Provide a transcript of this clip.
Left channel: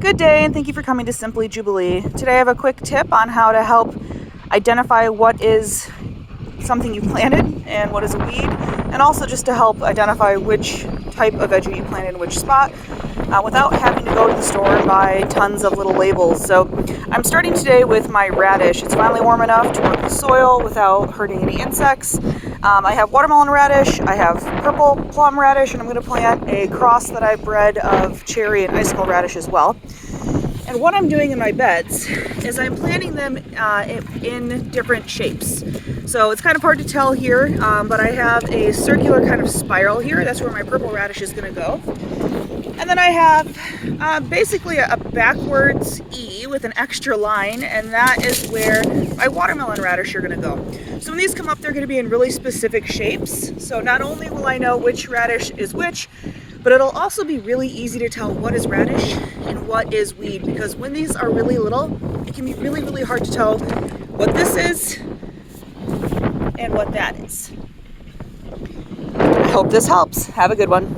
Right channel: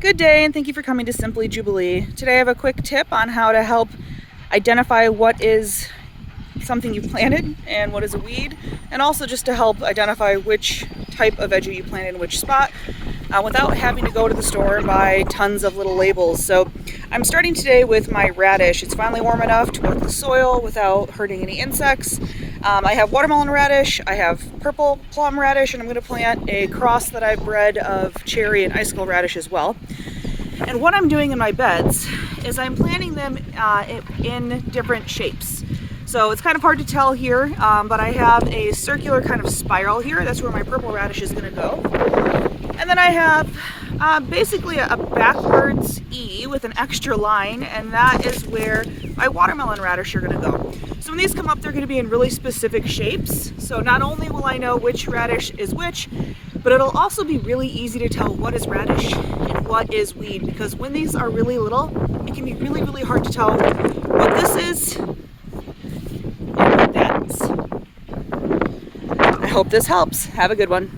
Good day, and thank you for coming to Simply Jubilee. Today I have a quick tip on how to help identify what is something you planted and what is a weed, and also just to help identify which type of veggie you planted in which spot without having to go to the store and buy tons of little labels. So I'm starting today with my radish. It's finally warm enough to work the soil without hurting any insects. I have watermelon radish, I have purple plum radish, and I'm going to plant a cross that I've bred of cherry and icicle radish as well. And what I'm doing in my beds is I'm planting them in different shapes. So it's kind of hard to tell here, but I have a circular kind of spiral here. That's where my purple radish is going to go. And then I have basically a backwards E with an extra line, and that is where my watermelon radish are going to go. So when these come up, they're going to be in really specific shapes. So not only will I know which radish is which, but it'll also be really easy to tell what is radish and what is weed, because when these are really little, it can be really, really hard to tell what this is and what that is. I hope this helps. Have a good one.